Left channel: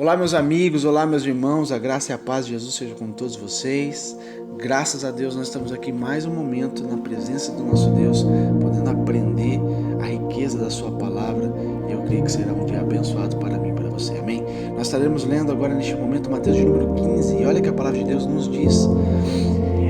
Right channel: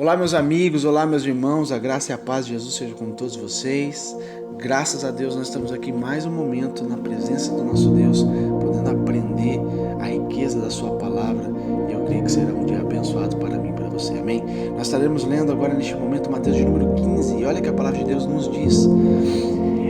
Olá meus amigos, olá meus irmãos, a graça e a paz de Jesus seja com todos vocês. Graças a Deus nós estamos aqui mais um momento na presença do nosso Deus, podendo aprender a riqueza da sua palavra, e eu creio que será um dia abençoado para mim e para você, amém? Nós estaremos lendo agora neste momento Mateus de número 15, e olha que a palavra de Deus nos diz:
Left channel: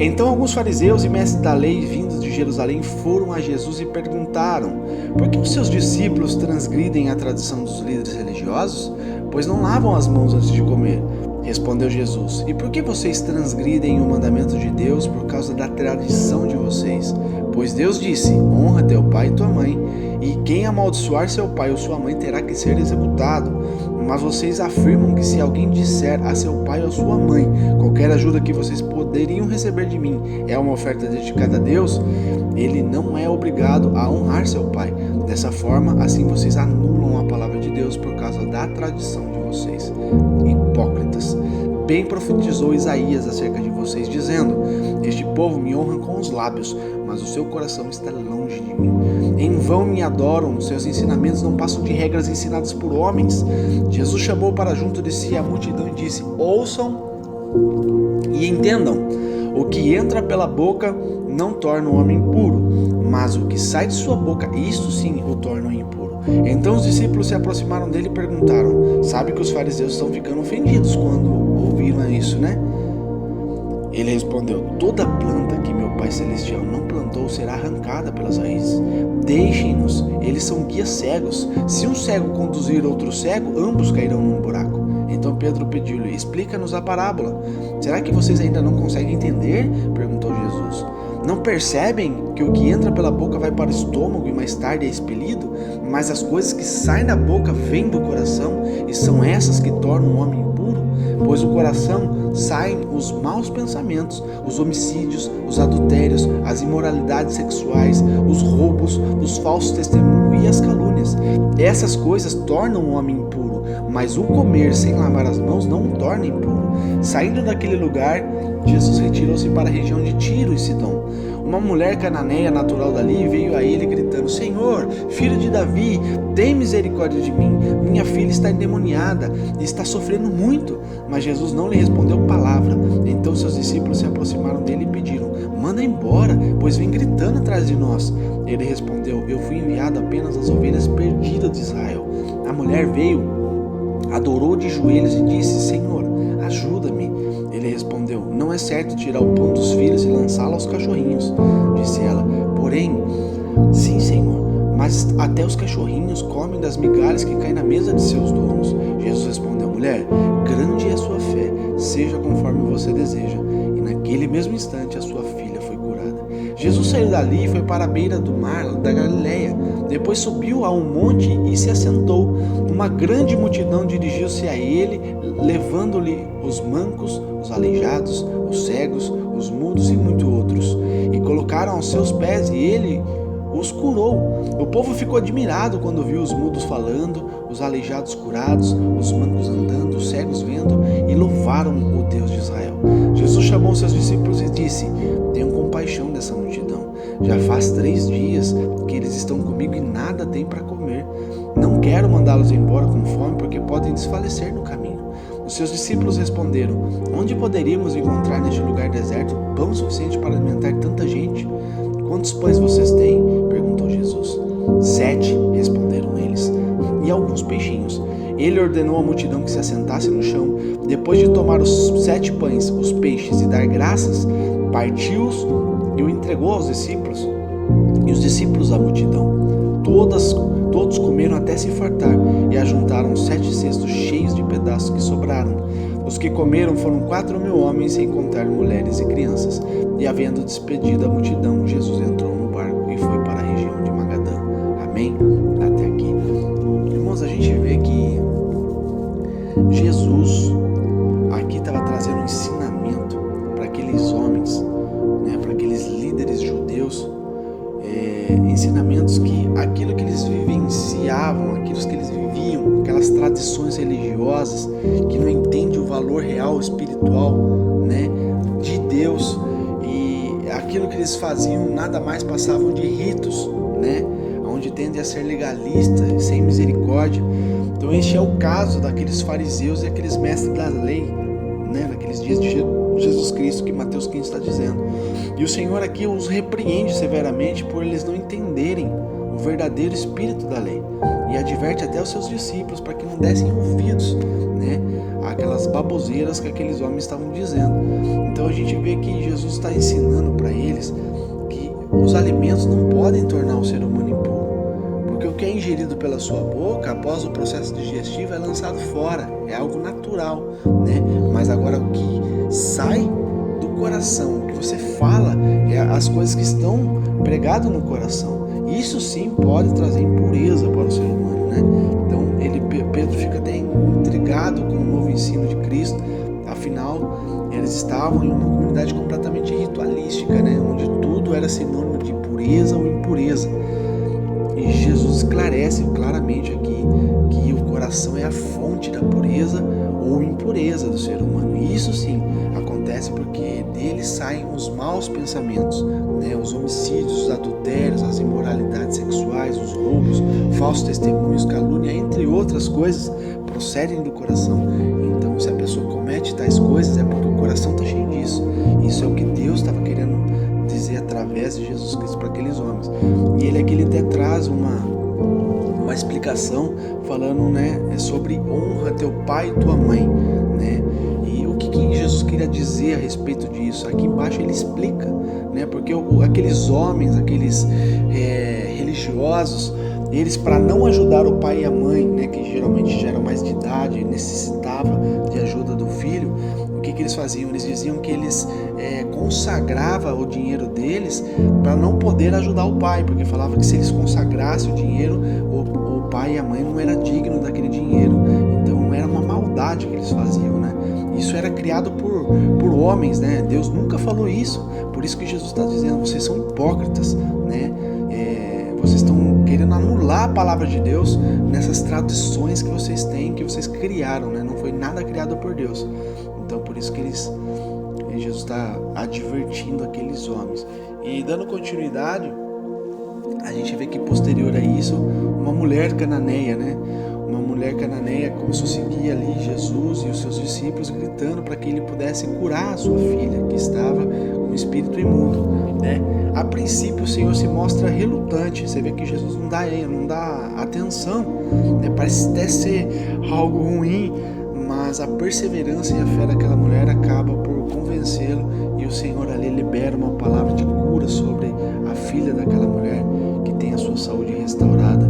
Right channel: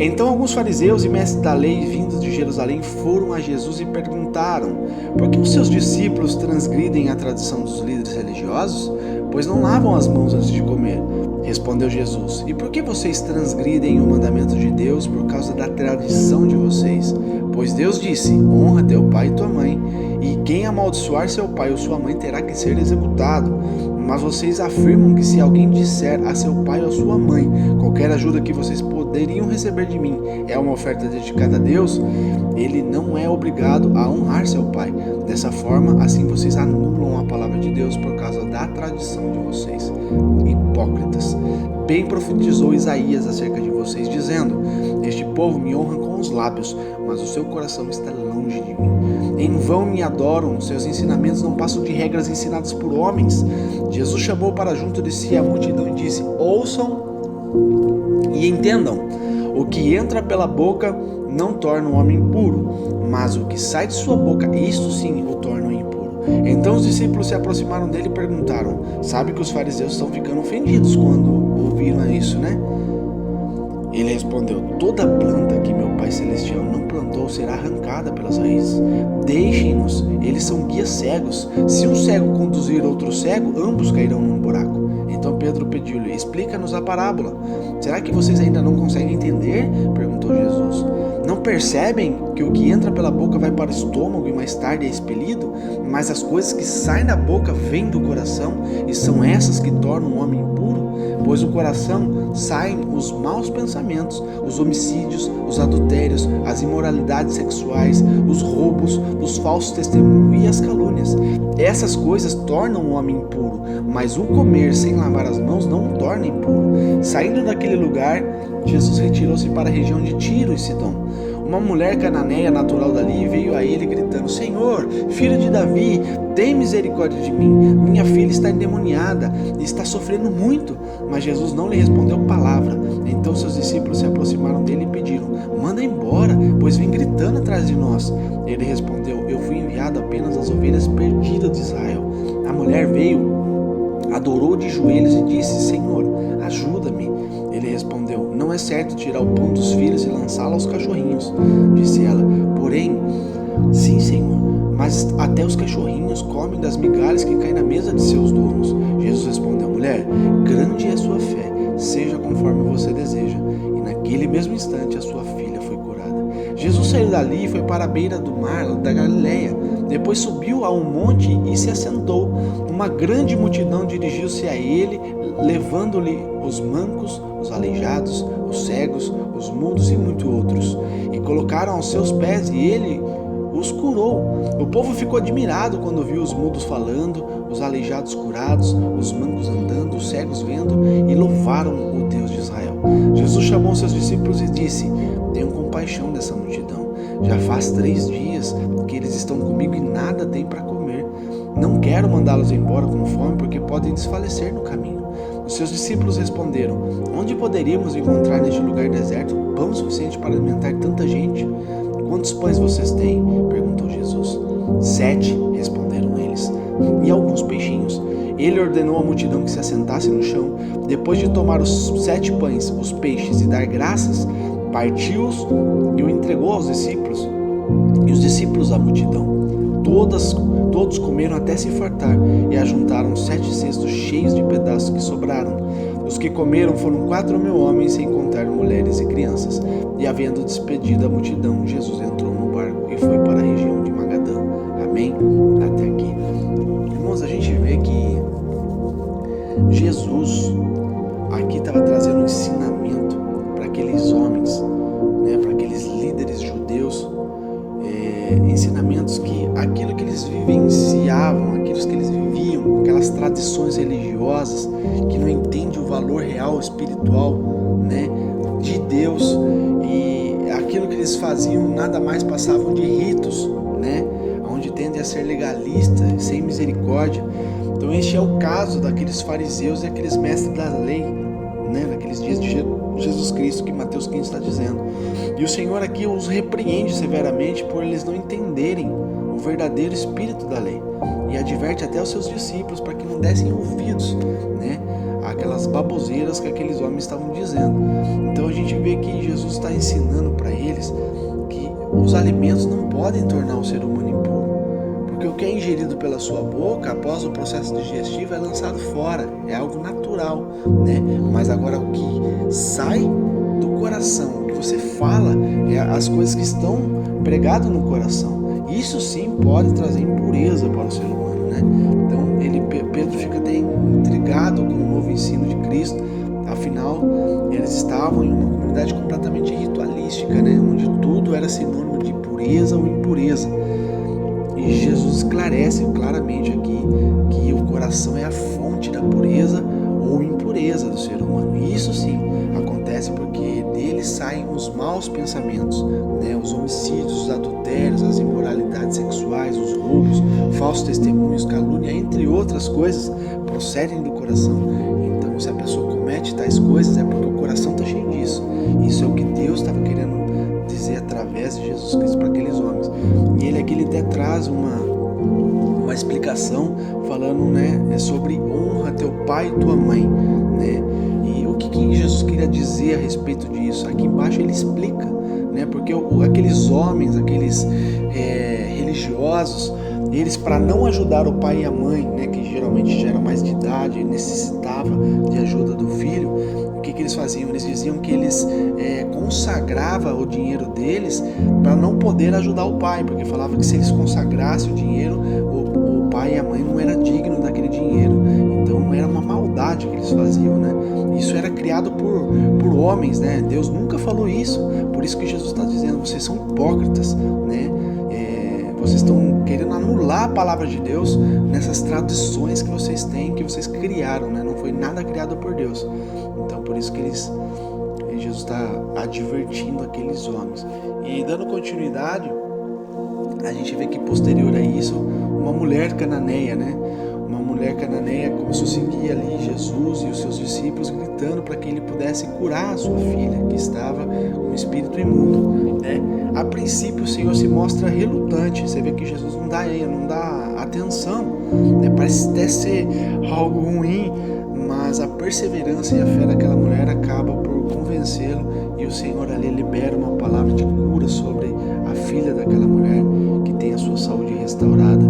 Então alguns fariseus e mestres da lei vindos de Jerusalém foram a Jesus e perguntaram: Por que os seus discípulos transgridem a tradição dos líderes religiosos? Pois não lavam as mãos antes de comer. Respondeu Jesus: E por que vocês transgridem o mandamento de Deus por causa da tradição de vocês? Pois Deus disse: Honra teu pai e tua mãe, e quem amaldiçoar seu pai ou sua mãe terá que ser executado. Mas vocês afirmam que se alguém disser a seu pai ou a sua mãe: qualquer ajuda que vocês poderiam receber de mim é uma oferta dedicada a Deus, ele não é obrigado a honrar seu pai. Dessa forma, assim vocês anulam a palavra de Deus por causa da tradição de vocês. Hipócritas! Bem profetizou Isaías acerca de vocês, dizendo: Este povo me honra com os lábios, mas o seu coração está longe de mim. Em vão me adoram, seus ensinamentos não passam de regras ensinadas por homens. Jesus chamou para junto de si a multidão e disse: Ouçam e entendam. O que entra pela boca não torna o homem puro, mas o que sai de sua boca, isto sim o torna impuro. Então os discípulos se aproximaram dele e perguntaram: Sabe que os fariseus estão ficando ofendidos quando ouviram isso, né? Ele respondeu: Toda planta que meu Pai Celestial não plantou será arrancada pelas raízes. Deixem-nos, eles são guias cegos. Se um cego conduzir outro cego, ambos cairão num buraco. Então Pedro pediu-lhe: Explica-nos a parábola. Será que vocês ainda não conseguem entender? Perguntou Jesus. Não percebem que o que entra pela boca vai para o estômago e mais tarde é expelido? Mas as coisas que saem da boca vêm do coração, e são essas que tornam o homem impuro? Pois do coração saem os maus pensamentos, os homicídios, os adultérios, as imoralidades sexuais, os roubos, os falsos testemunhos e as calúnias. Essas coisas tornam o homem impuro, mas o comer sem lavar as mãos não o torna impuro. Saindo daquele lugar, Jesus retirou-se para a região de Tiro e Sidom. Uma mulher cananeia natural dali veio a ele gritando: Senhor, filho de Davi, tem misericórdia de mim. Minha filha está endemoniada e está sofrendo muito. Mas Jesus não lhe respondeu palavra. Então seus discípulos se aproximaram dele e pediram: Manda embora, pois vem gritando atrás de nós. Ele respondeu: Eu fui enviado apenas às ovelhas perdidas de Israel. A mulher veio, adorou de joelhos e disse: Senhor, ajuda-me. Ele respondeu: Não é certo tirar o pão dos filhos e lançá-lo aos cachorrinhos. Disse ela: Porém, sim, Senhor, mas até os cachorrinhos comem das migalhas que caem na mesa de seus donos. Jesus respondeu: Mulher, grande é a sua fé, seja conforme você deseja. E naquele mesmo instante a sua filha foi curada. Jesus saiu dali e foi para a beira do mar da Galileia. Depois subiu a um monte e se assentou. Uma grande multidão dirigiu-se a ele, levando-lhe os mancos, os aleijados, os cegos, os mudos e muitos outros, e colocaram aos seus pés, e ele os curou. O povo ficou admirado quando viu os mudos falando, os aleijados curados, os mancos andando, os cegos vendo, e louvaram o Deus de Israel. Jesus chamou seus discípulos e disse: Tenham compaixão dessa multidão. Já faz 3 dias que eles estão comigo e nada têm para comer. Não quero mandá-los embora com fome, porque podem desfalecer no caminho. Os seus discípulos responderam: Onde poderíamos encontrar neste lugar deserto pão suficiente para alimentar tanta gente? Quantos pães vocês têm? Perguntou Jesus. 7, responderam eles, e alguns peixinhos. Ele ordenou à multidão que se assentasse no chão. Depois de tomar os 7 pães, os peixes e dar graças, partiu-os e o entregou aos discípulos. E os discípulos à multidão. Todos comeram até se fartar e ajuntaram 7 cestos cheios de pedaços que sobraram. Os que comeram foram 4.000 homens, sem contar mulheres e crianças. E havendo despedido a multidão, Jesus entrou no barco e foi para a região de Magadã. Amém? Até aqui. Irmãos, a gente vê que Jesus aqui estava trazendo um ensinamento para aqueles homens, né, para aqueles líderes judeus, ensinamentos que aquilo que eles vivenciavam, aquilo que eles viviam, aquelas tradições religiosas que não entendem o valor real espiritual, né, de Deus, e aquilo que eles faziam nada mais passavam de ritos, né, onde tendem a ser legalistas, sem misericórdia. Então este é o caso daqueles fariseus e aqueles mestres da lei, né, naqueles dias de Jesus Cristo, que Mateus 15 está dizendo. E o Senhor aqui os repreende severamente por eles não entenderem o verdadeiro espírito da lei, e adverte até os seus discípulos para que não dessem ouvidos, né, àquelas baboseiras que aqueles homens estavam dizendo. Então a gente vê que Jesus está ensinando para eles que os alimentos não podem tornar o ser humano impuro, porque o que é ingerido pela sua boca após o processo digestivo é lançado fora, é algo natural, né? Mas agora o que sai do coração, o que você fala, é as coisas que estão pregadas no coração. Isso sim pode trazer impureza para o ser humano, né? Então Pedro fica até intrigado com o novo ensino de Cristo. Afinal, eles estavam em uma comunidade completamente ritualística, né? Onde tudo era sinônimo de pureza ou impureza. E Jesus esclarece claramente aqui que o coração é a fonte da pureza ou impureza do ser humano. E isso sim acontece porque dele saem os maus pensamentos, né? Os homicídios, os adultérios, as imoralidades sexuais, os roubos, falsos testemunhos, calúnia, entre outras coisas, procedem do coração. Então, se a pessoa comete tais coisas, é porque o coração está cheio disso. Isso é o que Deus estava querendo dizer através de Jesus Cristo para aqueles homens. E ele aqui até traz uma explicação falando, né, sobre honra teu pai e tua mãe, né? E o que Jesus queria dizer a respeito disso? Aqui embaixo ele explica, né? Porque aqueles homens, aqueles religiosos, eles, para não ajudar o pai e a mãe, né, que geralmente já eram mais de idade e necessitava de ajuda do filho, o que eles faziam? Eles diziam que eles consagravam o dinheiro deles para não poder ajudar o pai, porque falava que se eles consagrassem o dinheiro, o pai e a mãe não era digno daquele dinheiro. Então era uma maldade que eles faziam, né? Isso era criado por homens, né? Deus nunca falou isso. Por isso que Jesus está dizendo, vocês são hipócritas, né? Vocês estão querendo anular a palavra de Deus nessas tradições que vocês têm, que vocês criaram, né? Não foi nada criado por Deus. Então por isso que Jesus está advertindo aqueles homens. E dando continuidade, a gente vê que posterior a isso, uma mulher cananeia, né? Uma mulher cananeia começou a seguir ali Jesus e os seus discípulos, gritando para que ele pudesse curar a sua filha, que estava com um espírito imundo, né? A princípio o Senhor se mostra relutante. Você vê que Jesus não dá atenção, né? Parece até ser algo ruim, mas a perseverança e a fé daquela mulher acaba por convencê-lo, e o Senhor ali libera uma palavra de cura sobre a filha daquela mulher, que tem a sua saúde restaurada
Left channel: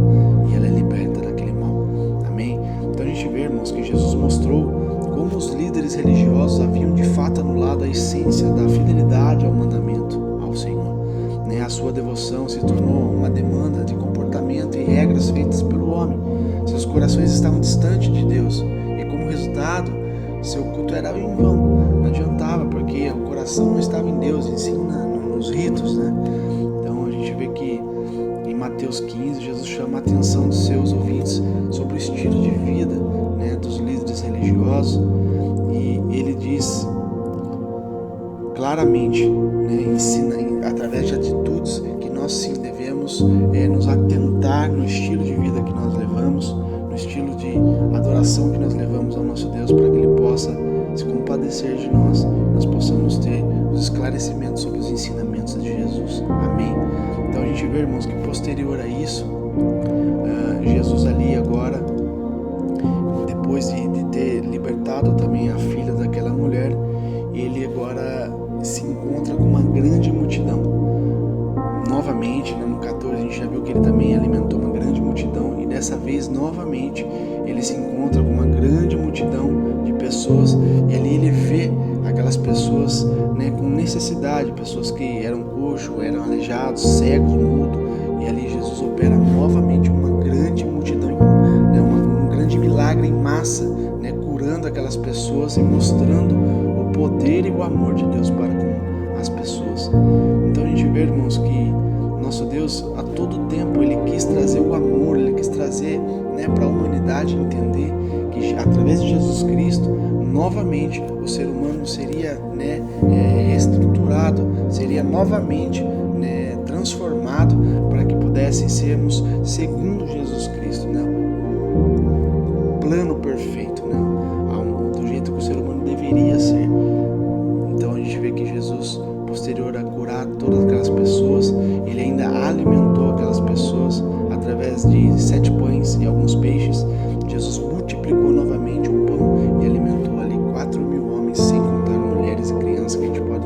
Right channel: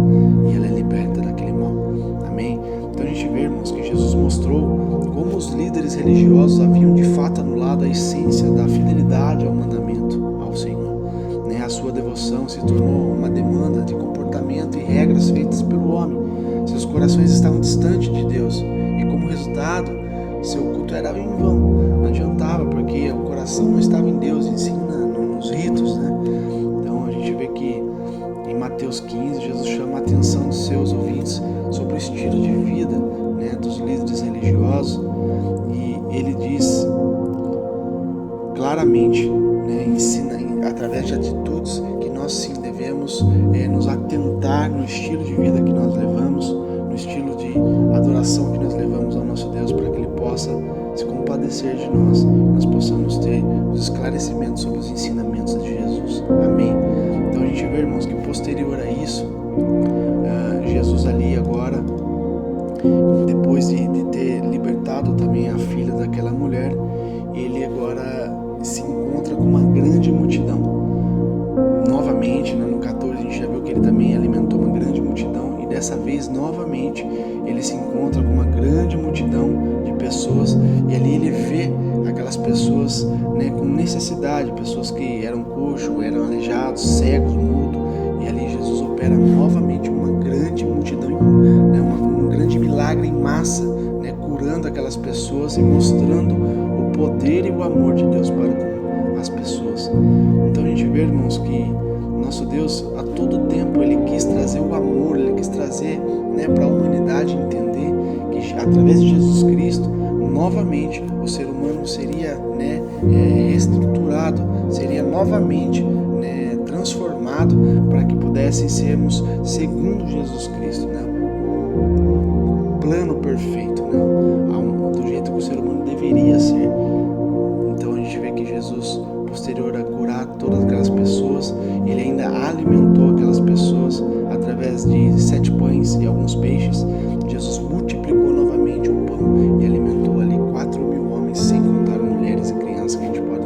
e ela é liberta daquele mal. Amém? Então a gente vê, irmãos, que Jesus mostrou como os líderes religiosos haviam de fato anulado a essência da fidelidade ao mandamento, ao Senhor, né? A sua devoção se tornou uma demanda de comportamento e regras feitas pelo homem. Seus corações estavam distantes de Deus, e como resultado, seu culto era em vão. Não adiantava, porque o coração não estava em Deus, e sim nos ritos, né? Então a gente vê que em Mateus 15, Jesus chama a atenção dos seus ouvintes sobre o estilo de vida, né, dos líderes religiosos, e ele diz claramente, né, ensina através de atitudes que nós sim devemos nos atentar no estilo de vida que nós levamos, no estilo de adoração que nós levamos ao nosso Deus, para que Ele possa se compadecer de nós, nós possamos ter os esclarecimentos sobre os ensinamentos de Jesus. Amém? Então a gente vê, irmãos, que posterior a isso, Jesus ali agora, depois de ter libertado também a filha daquela mulher, ele agora se encontra com uma grande multidão. Novamente, né, no 14 a gente já viu que ele também alimentou uma grande multidão, e dessa vez novamente ele se encontra com uma grande multidão de pessoas, e ali ele vê aquelas pessoas, né, com necessidade, pessoas que eram coxos, eram aleijados, cegos, mudos, e ali Jesus opera novamente uma grande multidão, né, um grande milagre em massa, né, curando aquelas pessoas e mostrando o poder e o amor de Deus para com as pessoas. Então a gente vê, irmãos, que nosso Deus a todo tempo ele quis trazer o amor, ele quis trazer, né, para a humanidade entender que através de Jesus Cristo novamente o ser humano seria, né, reestruturado, seria novamente, né, transformado para que pudessem sermos segundo Jesus Cristo, né? plano perfeito, né? Do jeito que o ser humano deveria ser. Então a gente vê que Jesus, posterior a curar todas aquelas pessoas, ele ainda alimentou aquelas pessoas através de 7 pães e alguns peixes. Jesus multiplicou novamente o pão e alimentou ali 4.000 homens, sem contar mulheres e crianças, que a gente pode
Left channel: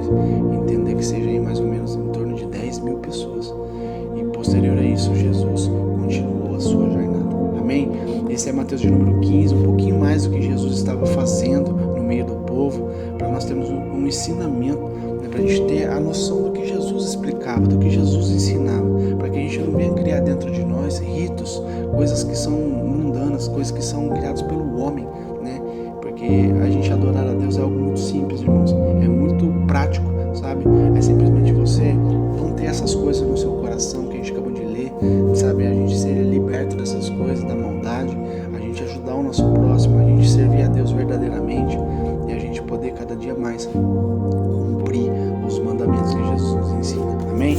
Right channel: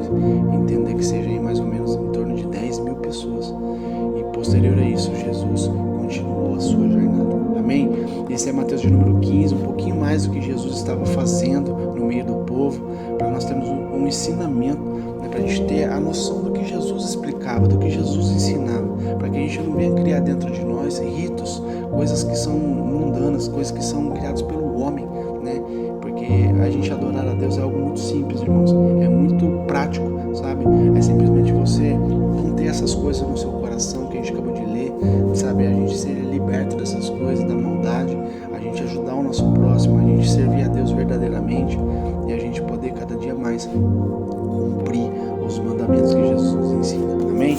entender que seja aí mais ou menos em torno de 10.000 pessoas. E posterior a isso, Jesus continuou a sua jornada. Amém? Esse é Mateus de número 15, um pouquinho mais do que Jesus estava fazendo no meio do povo, para nós termos um ensinamento, né, para a gente ter a noção do que Jesus explicava, do que Jesus ensinava, para que a gente não venha criar dentro de nós ritos, coisas que são mundanas, coisas que são criadas pelo homem, né? Porque a gente adorar a Deus é algo muito simples, irmãos, é muito prático, sabe? É simplesmente você não ter essas coisas no seu coração que a gente acabou de ler, sabe? A gente ser liberto dessas coisas, da maldade, a gente ajudar o nosso próximo, a gente servir a Deus verdadeiramente e a gente poder cada dia mais cumprir os mandamentos que Jesus nos ensina. Amém?